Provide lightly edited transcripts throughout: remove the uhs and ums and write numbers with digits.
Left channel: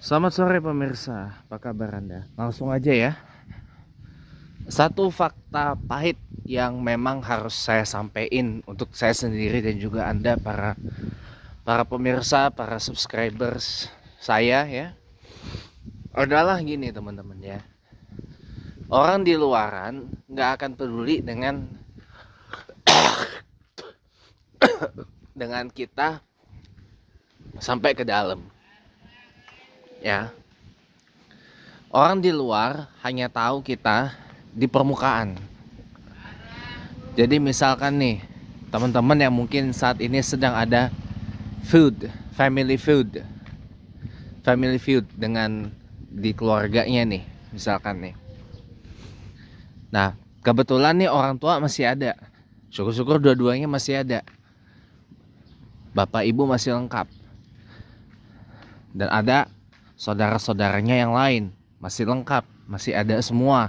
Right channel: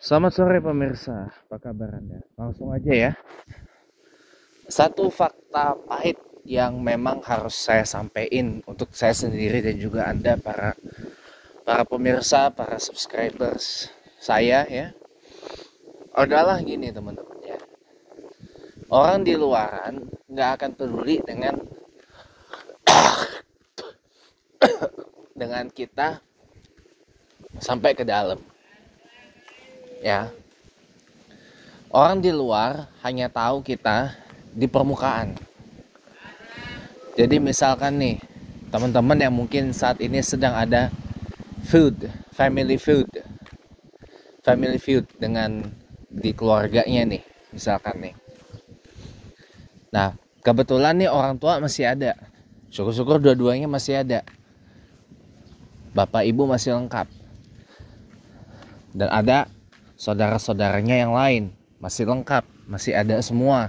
Selamat sore pemirsa, apa kabar Anda? Langsung aja ya. Satu fakta pahit yang memang harus saya sampaikan untuk saya sendiri dan juga Anda para pemirsa, para subscribers saya ya. Adalah gini teman-teman ya. Orang di luaran nggak akan peduli dengan kita sampai ke dalam. Ya. Orang di luar hanya tahu kita di permukaan. Jadi misalkan nih, teman-teman yang mungkin saat ini sedang ada family feud dengan di keluarganya nih, misalkan nih. Nah, kebetulan nih orang tua masih ada. Syukur-syukur dua-duanya masih ada. Bapak ibu masih lengkap. Dan ada saudara-saudaranya yang lain masih lengkap, masih ada semua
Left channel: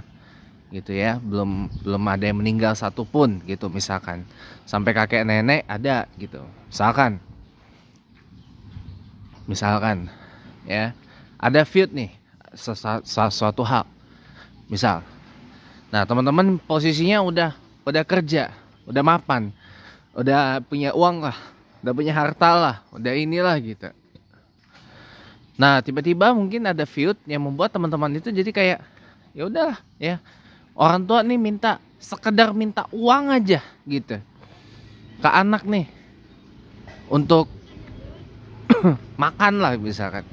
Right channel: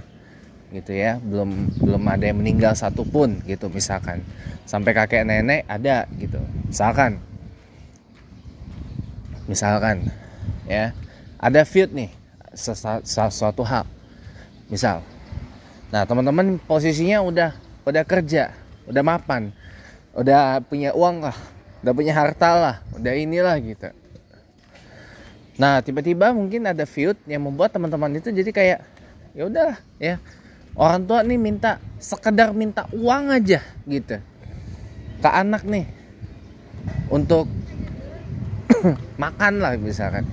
gitu ya, belum ada yang meninggal satupun gitu misalkan, sampai kakek nenek ada gitu misalkan ya, ada feud nih sesuatu hal misal. Nah teman-teman posisinya udah kerja, udah mapan, udah punya uang lah, udah punya harta lah, udah inilah gitu. Nah tiba-tiba mungkin ada feud yang membuat teman-teman itu jadi kayak ya udahlah ya, orang tua nih sekedar minta uang aja gitu ke anak nih untuk makan lah misalkan,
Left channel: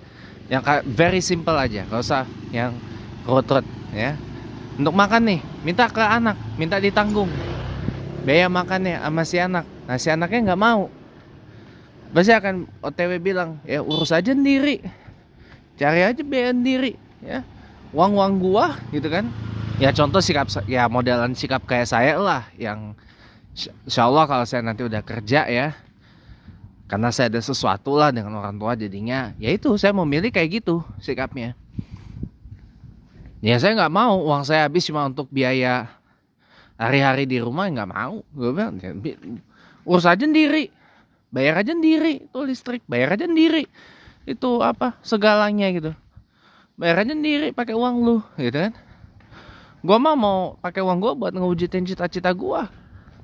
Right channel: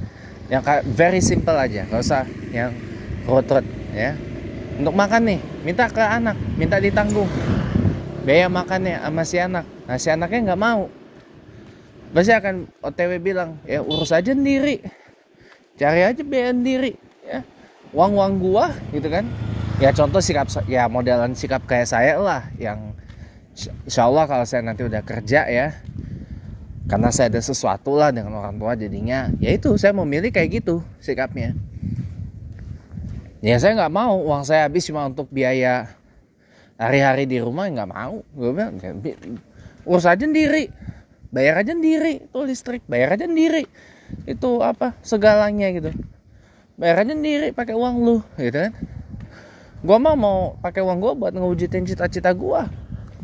yang very simple aja, nggak usah yang ruwet ya. Untuk makan nih minta ke anak, minta ditanggung biaya makannya sama si anak. Nah si anaknya nggak mau, pasti akan OTW bilang ya urus aja sendiri, cari aja biaya sendiri ya, uang gua gitu kan ya. Contoh sikap ya, modelan sikap kayak saya lah, yang insya Allah kalau saya nanti udah kerja ya, karena saya ada sesuatu lah dengan orang tua, jadinya ya itu saya memilih kayak gitu sikapnya ya. Saya nggak mau uang saya habis cuma untuk biaya hari-hari di rumah, nggak mau. Gue bilang urus aja sendiri, bayar aja sendiri, itu listrik bayar aja sendiri, itu apa segalanya gitu, bayar aja sendiri pakai uang lu gitu kan. Gua mah mau pakai uang gua buat ngewujudin cita-cita gua,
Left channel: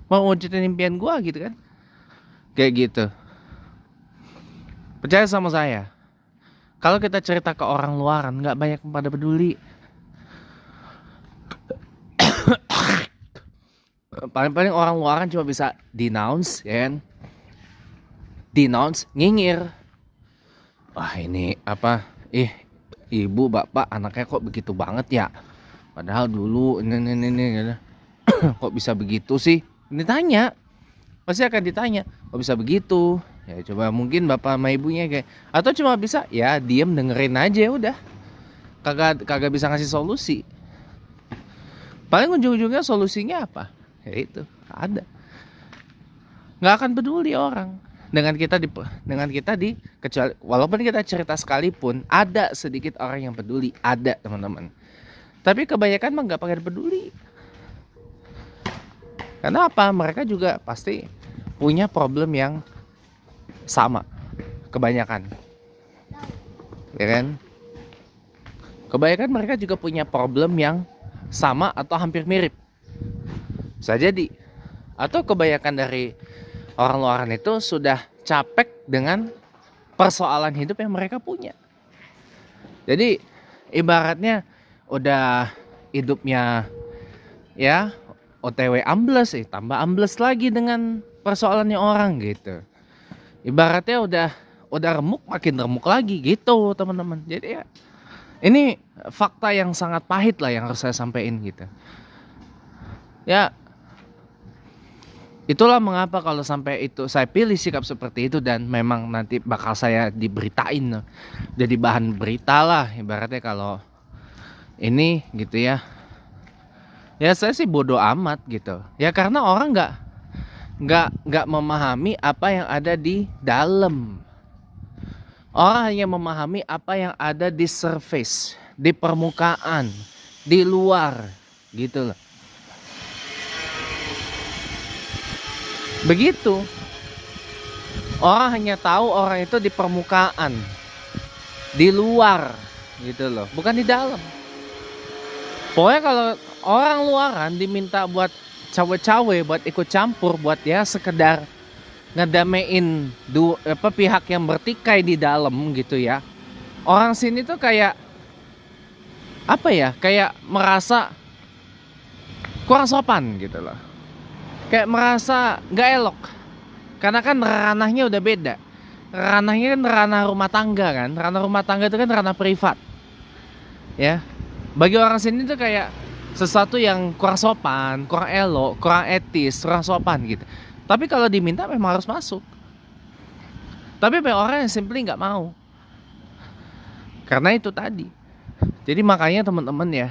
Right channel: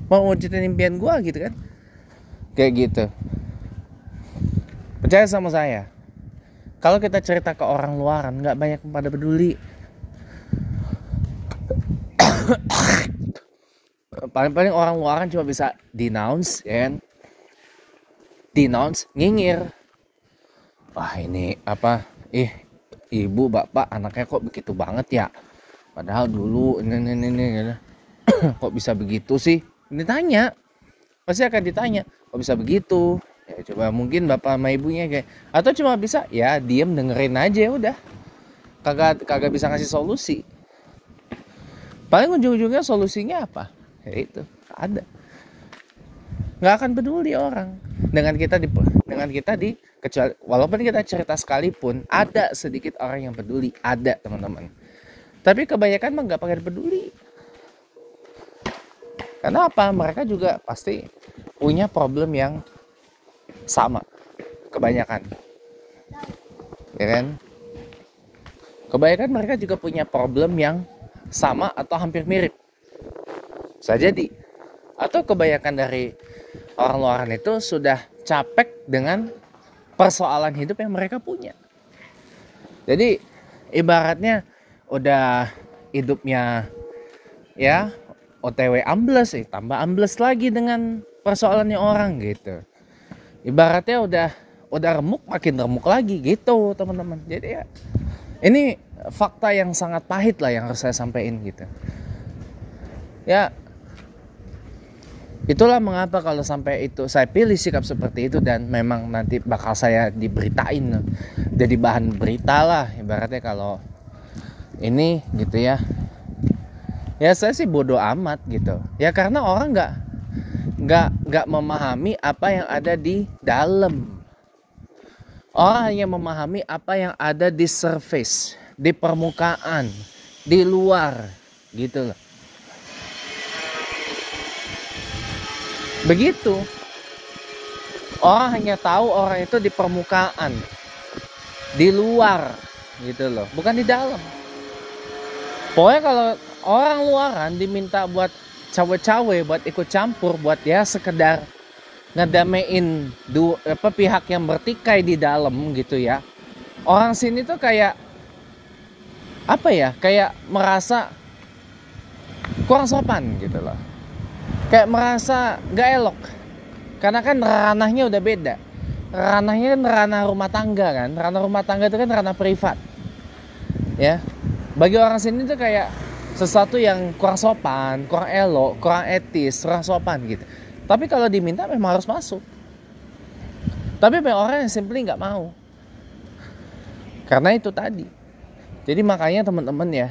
mau ngewujudin impian gua gitu kan, kayak gitu. Percaya sama saya, kalau kita cerita ke orang luaran nggak banyak yang pada peduli. Paling-paling orang luaran cuma bisa denounce ya kan, denounce, nyinyir. Wah ini apa, ibu bapak anaknya kok begitu banget ya, padahal dulu ini kok bisa begitu sih. Ditanya, pasti akan ditanya kok bisa begitu ya. Coba mungkin bapak sama ibunya kayak, atau cuma bisa ya diem dengerin aja udah, kagak bisa ngasih solusi. Paling ujung-ujungnya solusinya apa ya, itu ada, nggak akan peduli orang dengan kita kecuali walaupun kita cerita sekalipun, ada sedikit orang yang peduli, ada teman-teman. Tapi kebanyakan mah nggak pakai peduli. Karena apa? Mereka juga pasti punya problem yang sama, kebanyakan, ya kan? Kebanyakan mereka juga punya problem yang sama atau hampir mirip, bisa jadi. Atau kebanyakan dari orang luaran itu sudah capek dengan persoalan hidup yang mereka punya. Jadi ibaratnya udah hidupnya ya OTW ambles, tambah ambles lagi dengan persoalannya orang gitu. Ibaratnya udah remuk, makin remuk lagi gitu teman-teman. Jadi ya ini fakta yang sangat pahit lah yang harus saya sampaikan gitu ya. Itulah mengapa kalau sampai itu saya pilih sikap seperti itu, dan memang nanti bakal saya diberitain, jadi bahan berita lah ibaratnya kalau ini gitu ya. Ya saya sih bodoh amat gitu ya, karena orang nggak memahami apa yang ada di dalam. Orang hanya memahami apa yang ada di surface, di permukaan, di luar gitu loh. Begitu. Orang hanya tahu orang itu di permukaan. di luar gitu loh, bukan di dalam. Pokoknya kalau orang luaran diminta buat cawe-cawe, buat ikut campur, buat ya sekedar ngedamein pihak yang bertikai di dalam gitu ya. Orang sini tuh kayak apa ya? Kayak merasa kurang sopan gitu loh. Kayak merasa nggak elok. Karena kan ranahnya udah beda. Ranahnya kan ranah rumah tangga kan. Ranah rumah tangga itu kan ranah privat. Ya. Bagi orang sini tuh kayak sesuatu yang kurang sopan, kurang elok, kurang etis, kurang sopan gitu. Tapi kalau diminta memang harus masuk. Tapi banyak orang yang simply nggak mau. Karena itu tadi. Jadi makanya teman-teman ya,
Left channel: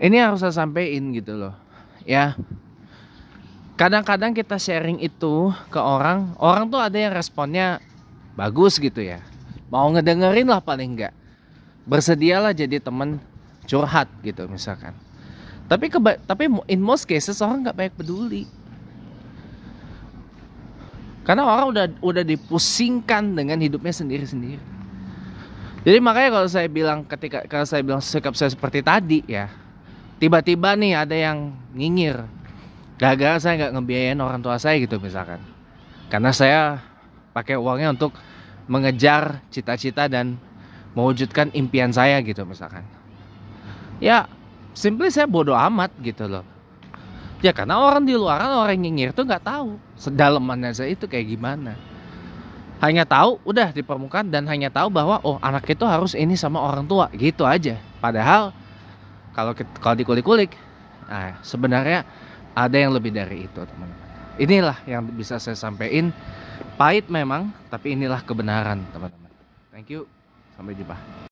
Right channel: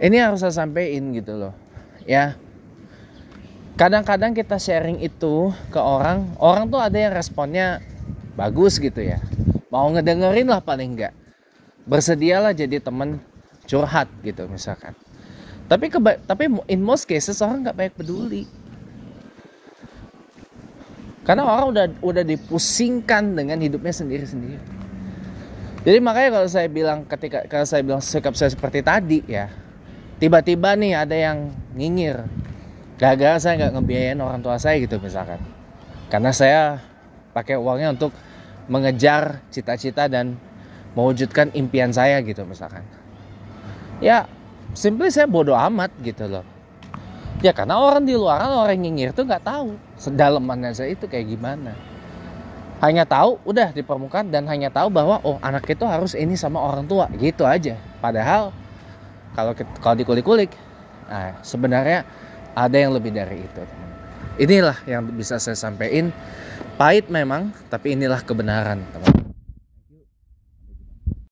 ini harus saya sampein gitu loh. Ya. Kadang-kadang kita sharing itu ke orang tuh ada yang responnya bagus gitu ya. Mau ngedengerin lah paling enggak. Bersedialah jadi teman curhat gitu misalkan. Tapi in most cases orang nggak banyak peduli. Karena orang udah dipusingkan dengan hidupnya sendiri-sendiri. Jadi makanya kalau saya bilang sikap saya seperti tadi ya, tiba-tiba nih ada yang nyinyir gara-gara saya nggak ngebiayain orang tua saya gitu misalkan. Karena saya pakai uangnya untuk mengejar cita-cita dan mewujudkan impian saya gitu misalkan. Ya simply saya bodoh amat gitu loh. Ya karena orang di luar, orang yang nyinyir tuh nggak tahu sedalamannya saya itu kayak gimana. Hanya tahu udah di permukaan dan hanya tahu bahwa oh anak itu harus ini sama orang tua gitu aja. Padahal kalau dikulik-kulik, nah sebenarnya ada yang lebih dari itu teman. Inilah yang bisa saya sampaikan. Pahit memang, tapi inilah kebenaran teman. Thank you. Sampai jumpa.